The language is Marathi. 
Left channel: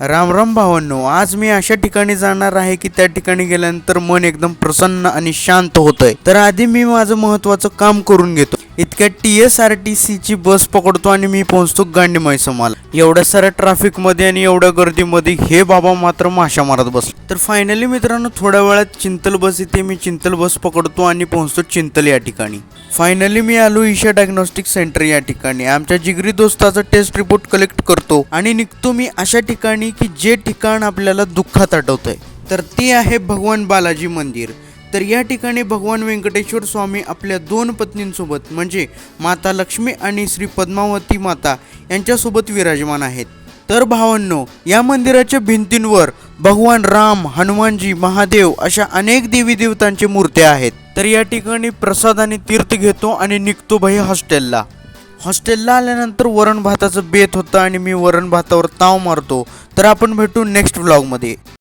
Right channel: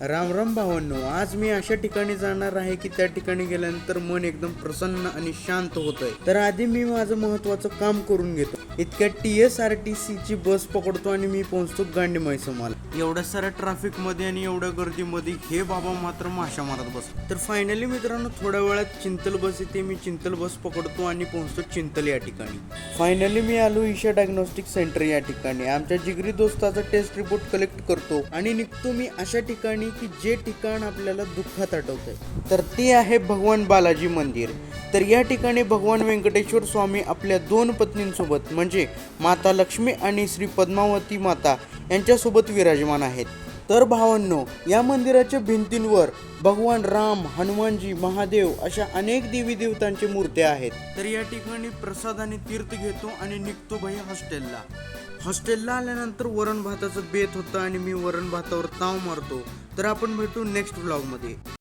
राम राम भावांनो, आज मी अशा ठिकाणी जाणार आहे की त्या ठिकाणी गेल्यानंतर मन एकदम प्रसन्न आणि शांत होतंय। तर आधी मी माझं महत्त्वाचं काम करून घेतो। इतक्यात TSRTC ची बस पकडतो आणि मी पोहोचतो गांडीमाई समाला। एवढ्या साऱ्या ट्रॅफिक मध्ये आणि एवढ्या गर्दीमध्ये हे बाबा मात्र माशा मारत बसले। तर फायनली मित्रांनो, थोड्या वेळात चिंतल बस येते। मी चिंतल बस पकडतो आणि पोहोचतो चिंतल या ठिकाणी। फायनली मी आलो ईशा डायग्नोस्टिक सेंटर या ठिकाणी। आमच्या जिगरी दोस्ताचा टेस्ट रिपोर्ट कलेक्ट करतो आणि निघतो मी अशा ठिकाणी की जे ठिकाण आपल्याला दुःखात आठवतंय। तर ते आहे भगवान बालाजी मंदिर। तर या ठिकाणी भगवान व्यंकटेश्वर स्वामी आपल्या दोन पत्नींसोबत म्हणजे माता लक्ष्मी आणि श्री पद्मावती माता यांच्यासोबत विराजमान आहेत। तर भावांनो, या मंदिराच्या भिंतींवर भगवान राम, हनुमानजी, महादेव अशा अनेक देवी देवतांची मूर्त्या आहेत। तर या ठिकाणी प्रसाद आणि तीर्थ घेतो आणि निघतो भाई हॉस्टेलला। हॉस्टेलला आल्यानंतर वरण भाताचं बेत होतं आणि मी वरण भातावर ताव मारतो। तर आपण भेटू नेक्स्ट व्लॉगमध्ये।